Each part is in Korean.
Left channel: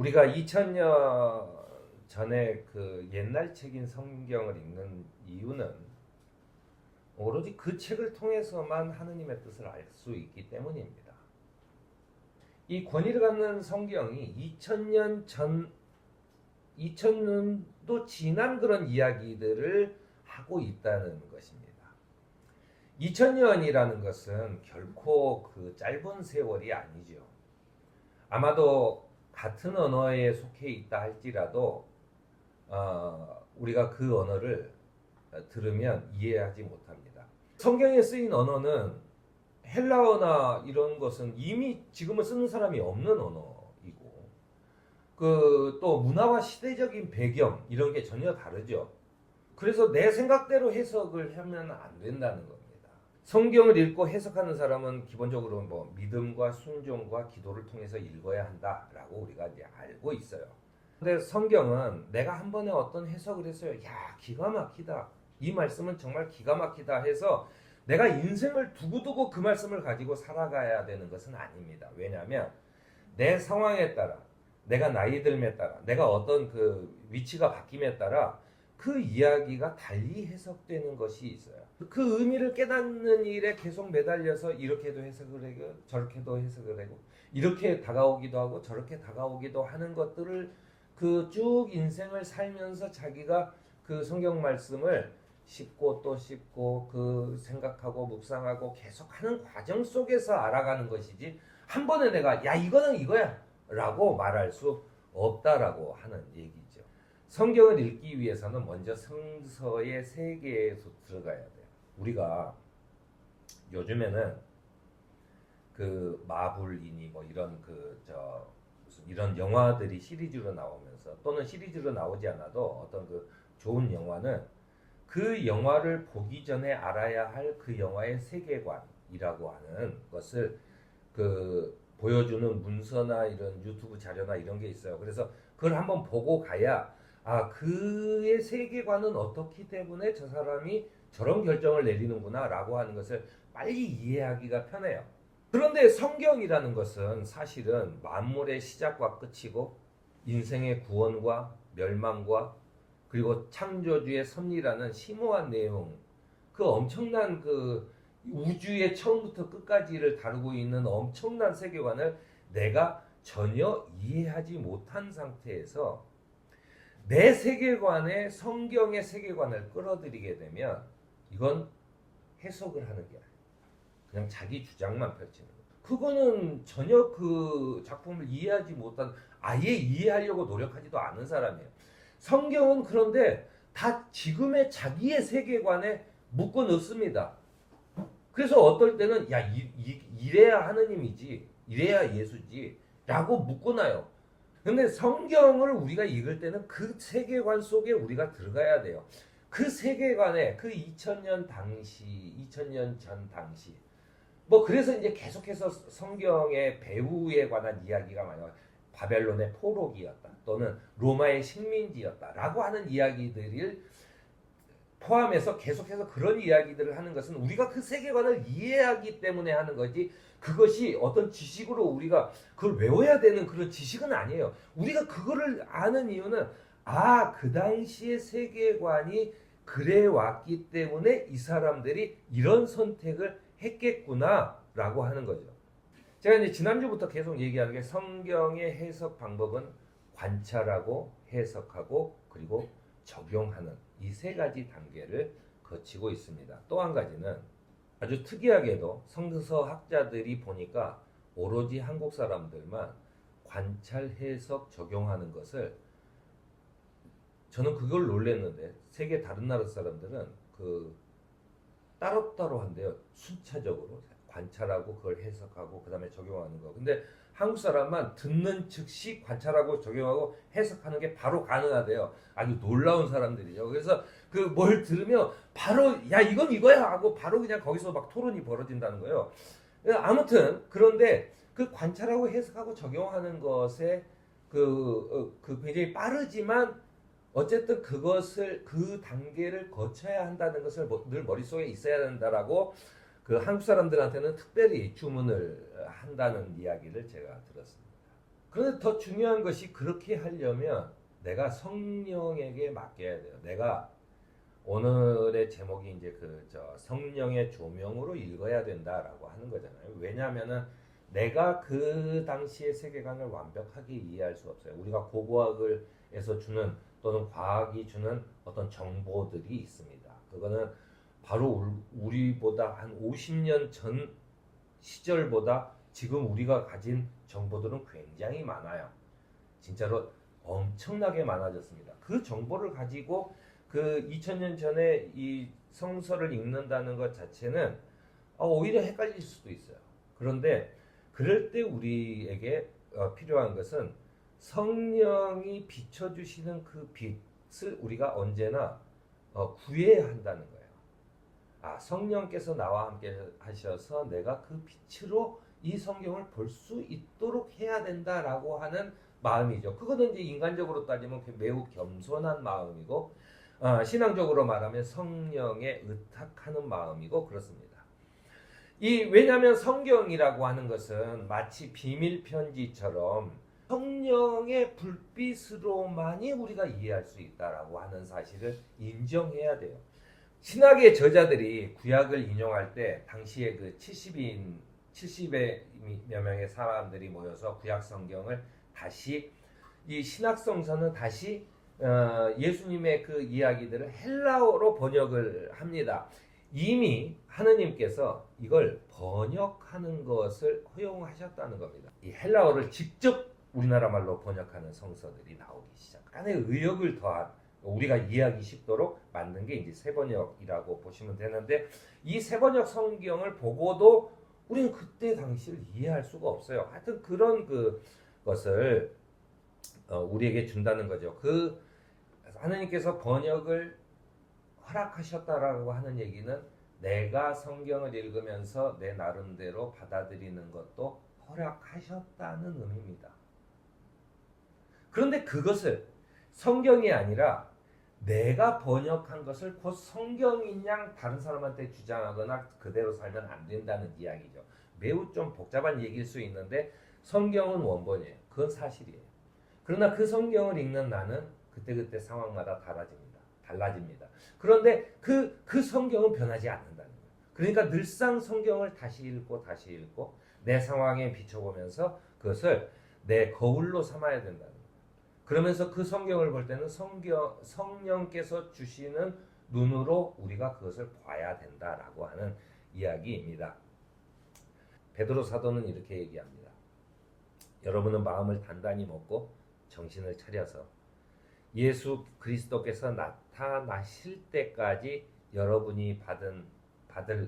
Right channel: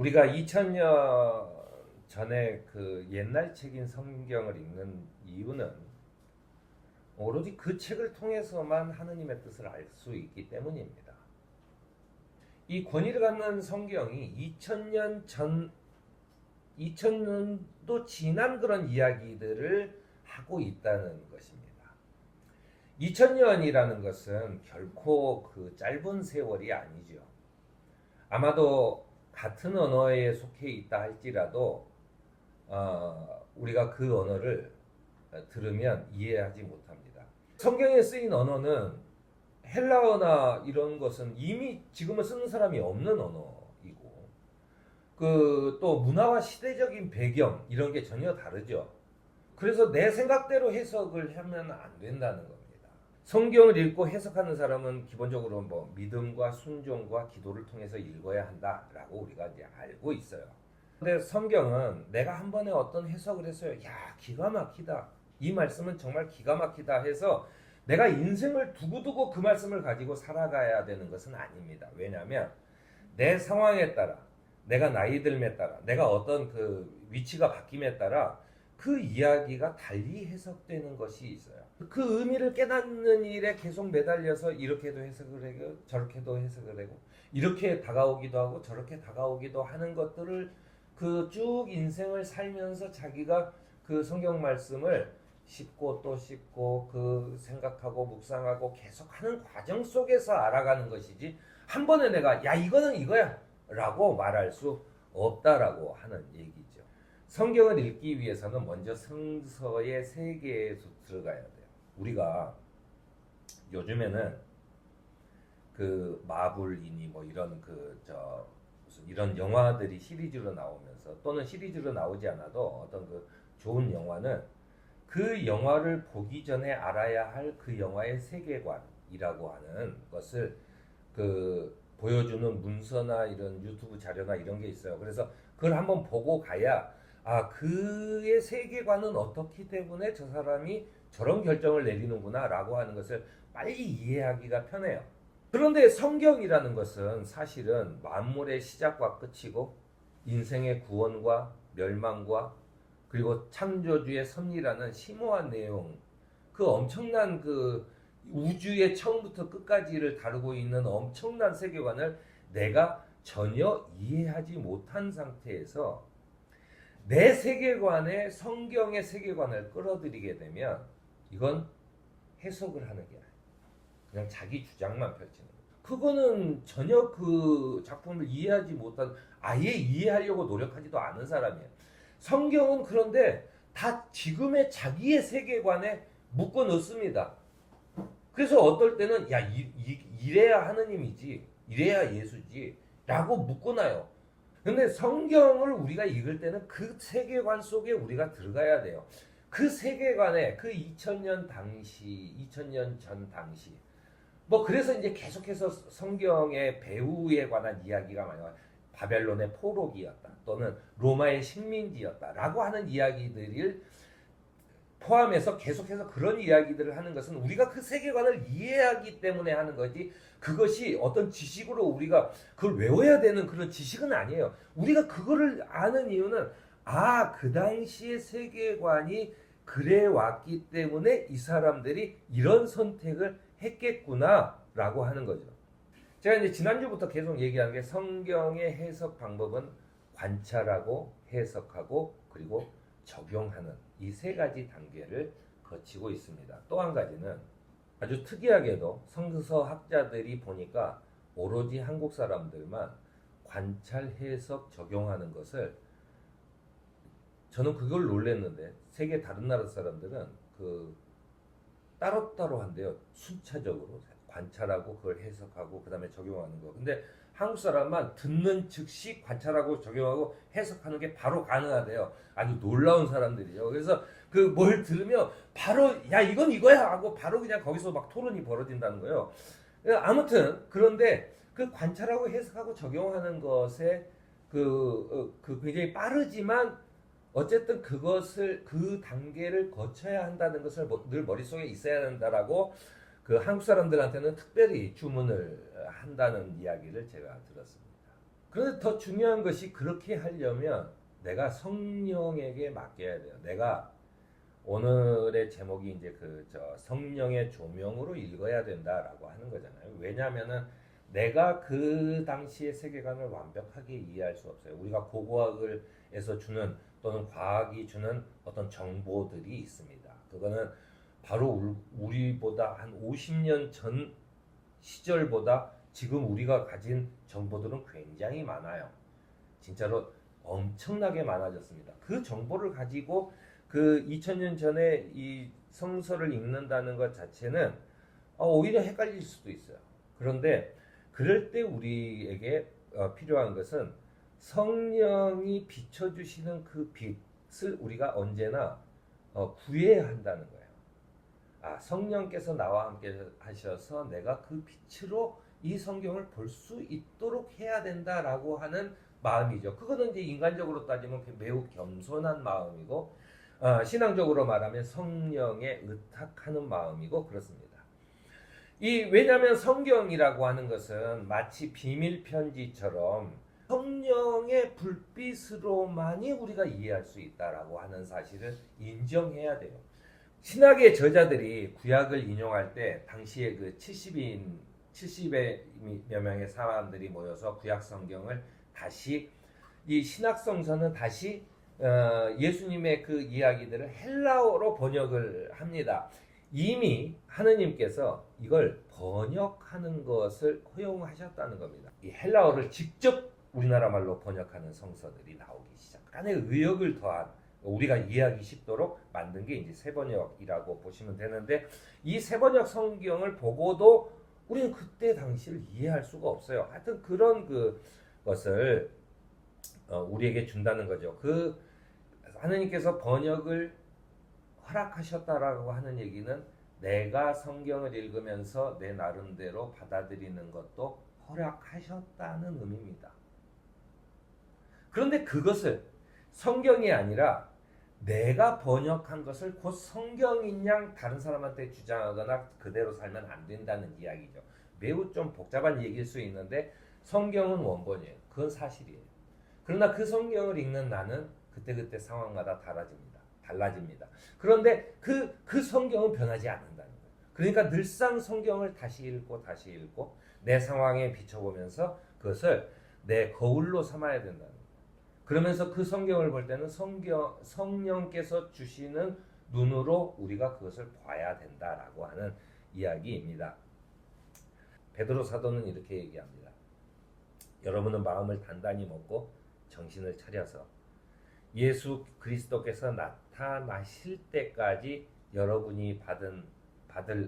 우리가 2000년 전에 그 옛날 책인 성경을 읽는 이유는 오로지 그 책을 통해서만 하느님의 뜻을 알 수 있기 때문입니다. 이 권위를 갖는 성경이 2000년 전, 2000년도 지난 그런 이야기들을 하고 있다는 것입니다. 2000년이라는 것은 결코 그 짧은 세월이 아니죠. 아마도 같은 언어에 속해 있다 할지라도 우리가 그 언어를 들으면 이해하지 못합니다. 성경에 쓰인 언어는 헬라어나 이런 것은 이미 지금은 쓰는 사람이 없는 언어이고 그 또 문화와 시대적인 배경 이런 게 전혀 다르죠. 그래서 내 생각대로 해석을 하면 안 된다는 겁니다. 성경을 읽고 해석하는 사람은 기본적으로 뭐 믿음과 순종과 기도를 통해서 읽어야 한다라고 우리가 이제 알고 있어요. 근데 성경은 내가 한 번에 어떤 해석을 했어요. 야, 기가 막히다. 이 말씀은 정말 기가 막히다 해서 내가 인생을 두고두고 그 말씀을 가지고 살아가야 되는 것은 아닙니다. 왜냐하면 내 상황에 따라, 내가 나이 들에 따라, 내가 어떤 그 위치가 바뀜에 따라 그 이야기가 달리 해석되는 것이 있어요. 그 의미를 깨닫는 일에 계속 매달려서 이렇게도 해석을 하고 저렇게도 해석을 하고 이렇게 다가오기도 하고 저렇게 다가오기도 하는 것들을 그 쭉 인생을 살면서 자기가 그 성경 말씀을 씹고 또 씹고 그 생각하고 묵상하고 계속하는 과정 속에서 알아가는 것이지 한 번에 내가 야 이거는 이거야 라고 말할 수 없다라고 하는 얘기죠. 성경을 읽기 위해서는 먼저 성서의 세계에 들어가야 돼요. 우리가 요즘에는 그 마블이니 뭐 이런 이런 영화들이 시리즈로 나오면서 또는 시리즈로 나오지 않아도 어떤 그 좋은 영화는 그 영화를 보기 전에 알아야 할 그 영화의 세계관이라고 하는 것을 그 보여주는 문서나 이런 유튜브 자료나 이런 게 있어요. 그래서 그걸 한번 보고 가야 아 그의 세계관은 어떻기 때문에 저 사람이 저런 결정을 내리는구나 라고 하는 것을 빨리 이해하기가 편해요. 그런데 성경이라는 것은 사실은 만물의 시작과 끝이고 인생의 구원과 멸망과 그리고 창조주의 섭리라는 심오한 내용, 그 엄청난 그 우주의 처음부터 끝까지를 다루고 있는 엄청난 세계관을 내가 전혀 이해하지 못한 상태에서 내 세계관에 성경의 세계관을 끌어들이게 되면 이건 해석을 하는 게 아니에요. 그냥 자기 주장만 펼치는 거예요. 그거는 전혀 그 작품을 이해하지 못한 아예 이해하려고 노력하지도 않은 사람이에요. 성경은 그런데 다 지금의 자기의 세계관에 묶어 넣습니다. 그래서 어떨 때는 야 이래야 하느님이지 이래야 예수지 라고 묶어놔요. 근데 성경을 우리가 읽을 때는 그 세계관 속에 우리가 들어가야 돼요. 그 세계관에 그 2000년 당시 2000년 전 당시 뭐 그래서 이제 계속해서 성경의 배후에 관한 이야기가 많이 와요. 바벨론의 포로기였다 또는 로마의 식민지였다라고 하는 이야기들을 포함해서 계속해서 그런 이야기들을 하는 것은 우리가 그 세계관을 이해하기 때문에 하는 거지 그것이 어떤 지식으로 우리가 그걸 외워야 되는 그런 지식은 아니에요. 우리가 그거를 아는 이유는 아, 그 당시의 세계관이 그래 왔기 때문에 이 사람들이 이런 선택을 했겠구나 라고 하는 거죠. 제가 이제 지난주부터 계속 얘기하는 게 성경의 해석 방법은 관찰하고 해석하고 그리고 적용하는 이 세 가지 단계를 거치고 있습니다. 또 한 가지는 아주 특이하게도 성서 학자들이 보니까 오로지 한국 사람들만 관찰, 해석, 적용하는 것을 저는 그걸 놀랐는데 세계 다른 나라 사람들은 그 따로따로 한대요. 순차적으로 관찰하고 그걸 해석하고 그 다음에 적용하는 거. 근데 한국 사람만 듣는 즉시 관찰하고 적용하고 해석하는 게 바로 가능하대요. 아주 놀라운 사람들이죠. 그래서 그 뭘 들으면 바로 야 이건 이거야 하고 바로 그냥 거기서 막 토론이 벌어진다는 거예요. 아무튼 그런데 그 관찰하고 해석하고 적용하는 것에 그 굉장히 빠르지만 어쨌든 그것을 그 단계를 거쳐야 한다는 것을 늘 머릿속에 있어야 된다라고 그 한국 사람들한테는 특별히 주문을 한다는 이야기를 제가 들었습니다. 그런데 더 중요한 것이 그렇게 하려면 내가 성령에게 맡겨야 돼요. 내가 오늘의 제목이 이제 성령의 조명으로 읽어야 된다라고 하는 거잖아요. 왜냐하면은 내가 그 당시의 세계관을 완벽하게 이해할 수 없어요. 우리가 고고학을에서 주는 또는 과학이 주는 어떤 정보들이 있습니다. 그거는 바로 우리보다 한 50년 전 시절보다 지금 우리가 가진 정보들은 굉장히 많아요. 진짜로 엄청나게 많아졌습니다. 그 정보를 가지고 그 2000년 전에 이 성서를 읽는다는 것 자체는 오히려 헷갈릴 수도 있어요. 그런데 그럴 때 우리에게 필요한 것은 성령이 비춰주시는 그 빛을 우리가 언제나 구해야 한다는 거예요. 성령께서 나와 함께 하셔서 내가 그 빛으로 이 성경을 볼 수 있도록 해야 된다라고 하는 마음이죠. 그거는 이제 인간적으로 따지면 매우 겸손한 마음이고 신앙적으로 말하면 성령에 의탁하는 마음이고 그렇습니다. 왜냐하면 성경이라고 하는 것은 마치 비밀 편지처럼 성령의 불빛으로만이 우리가 이해할 수 있다라고 하는 사실을 인정해야 돼요. 신학의 저자들이 구약을 인용할 때 당시에 그 70여 명의 사람들이 모여서 구약 성경을 다시 이 신학성서는 다시 예수님의 그 이야기들을 헬라어로 번역을 합니다. 이미 하나님께서 이걸 번역하는 것을 허용하셨다는 겁니다. 이 헬라어를 직접 우리나라 말로 번역하는 성서들이 나오기 시작. 약간의 의역을 더한 우리가 이해하기 쉽도록 만든 게 이제 새번역이라고 보시면 되는데 이 새번역 성경을 보고도 우리는 그때 당시를 이해할 수가 없어요. 하여튼 그런 것을 우리에게 준다는 거죠. 하나님께서 번역을 허락하셨다라고 하는 얘기는 내가 성경을 읽으면서 내 나름대로 받아들이는 것도 허락하셨다는 의미입니다. 그런데 그것을 성경이 아니라 내가 번역한 것을 곧 성경인 양 다른 사람한테 주장하거나 그대로 살면 안 된다는 이야기죠. 매우 좀 복잡한 얘기일 수 있는데 성경은 원본이에요. 그건 사실이에요. 그러나 그 성경을 읽는 나는 그때그때 상황마다 달라집니다. 그런데 그 성경은 변하지 않는다는 거예요. 그러니까 늘상 성경을 다시 읽고 내 상황에 비춰보면서 그것을 내 거울로 삼아야 된다는 거예요. 그러면서 그 성경을 볼 때는 성령께서 주시는 눈으로 우리가 그것을 봐야 된다라고 하는 이야기입니다. 베드로 사도는 이렇게 얘기합니다. 여러분은 마음을 단단히 먹고 정신을 차려서 예수 그리스도께서 나타나실 때까지 여러분이 받을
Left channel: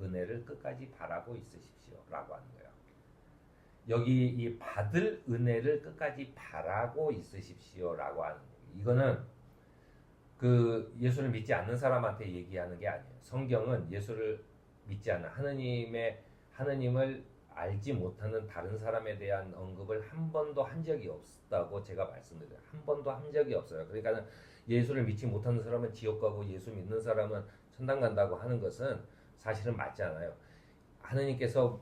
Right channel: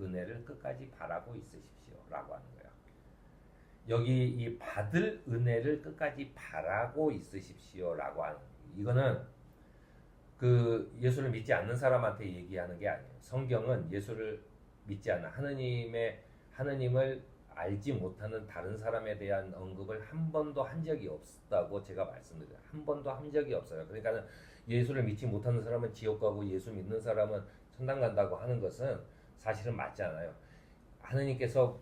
은혜를 끝까지 바라고 있으십시오라고 하는 거예요. 여기 이 받을 은혜를 끝까지 바라고 있으십시오라고 하는 거예요. 이거는 예수를 믿지 않는 사람한테 얘기하는 게 아니에요. 성경은 예수를 믿지 않는 하느님을 알지 못하는 다른 사람에 대한 언급을 한 번도 한 적이 없다고 제가 말씀드려요. 한 번도 한 적이 없어요. 그러니까 예수를 믿지 못하는 사람은 지옥 가고 예수 믿는 사람은 천당 간다고 하는 것은 사실은 맞지 않아요. 하느님께서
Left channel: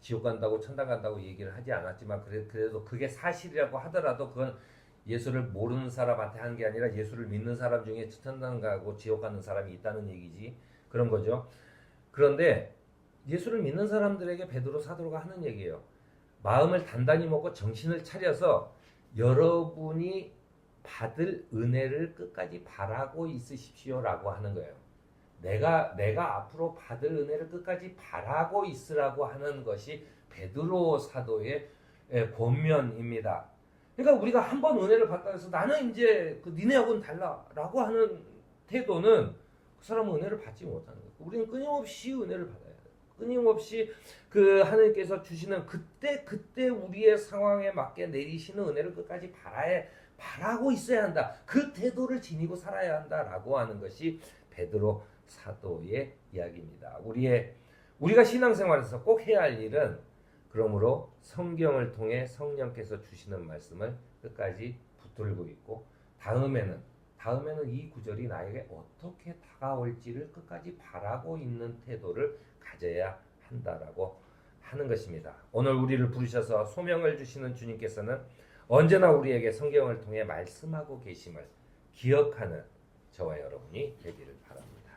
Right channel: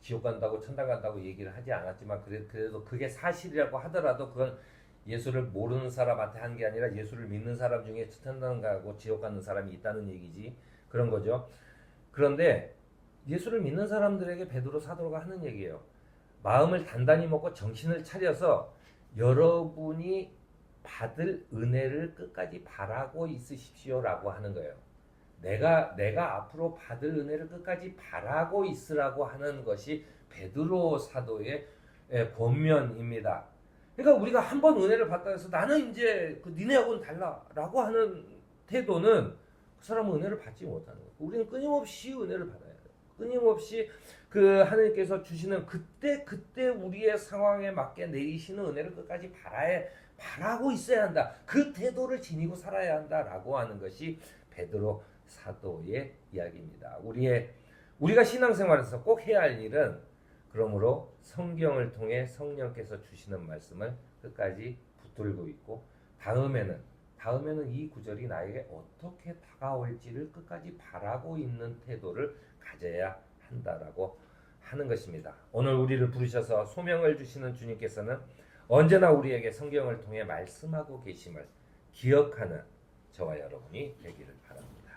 지옥 간다고 천당 간다고 얘기를 하지 않았지만 그래도 그게 사실이라고 하더라도 그건 예수를 모르는 사람한테 한 게 아니라 예수를 믿는 사람 중에 천당 가고 지옥 가는 사람이 있다는 얘기지. 그런 거죠. 그런데 예수를 믿는 사람들에게 베드로 사도가 하는 얘기예요. 마음을 단단히 먹고 정신을 차려서 여러분이 받을 은혜를 끝까지 바라고 있으십시오라고 하는 거예요. 내가 앞으로 받을 은혜를 끝까지 바라고 있으라고 하는 것이 베드로 사도의 본면입니다. 그러니까 우리가 한 번 은혜를 받다 해서 나는 이제 니네하고는 달라라고 하는 태도는 그 사람은 은혜를 받지 못하는 거예요. 우리는 끊임없이 은혜를 받아야 돼요. 끊임없이 하나님께서 주시는 그때 우리의 상황에 맞게 내리시는 은혜를 끝까지 바라고 있어야 한다. 그 태도를 지니고 살아야 한다라고 하는 것이 베드로 사도의 이야기입니다. 우리가 신앙생활에서 꼭 해야 할 일은 그러므로 성경을 통해 성령께서 주시는 말씀을 끝까지 붙들고 있고 다음에는 이 구절이 나에게 어떻게 다가올지를 끝까지 바라고 있는 태도를 가져야 한다라고 하는 것입니다. 오늘 우리를 부르셔서 소명을 주시는 주님께서는 언제나 우리에게 성경을 통해 말씀하고 계심을 기억하는 저와 여러분이 되기를 바랍니다.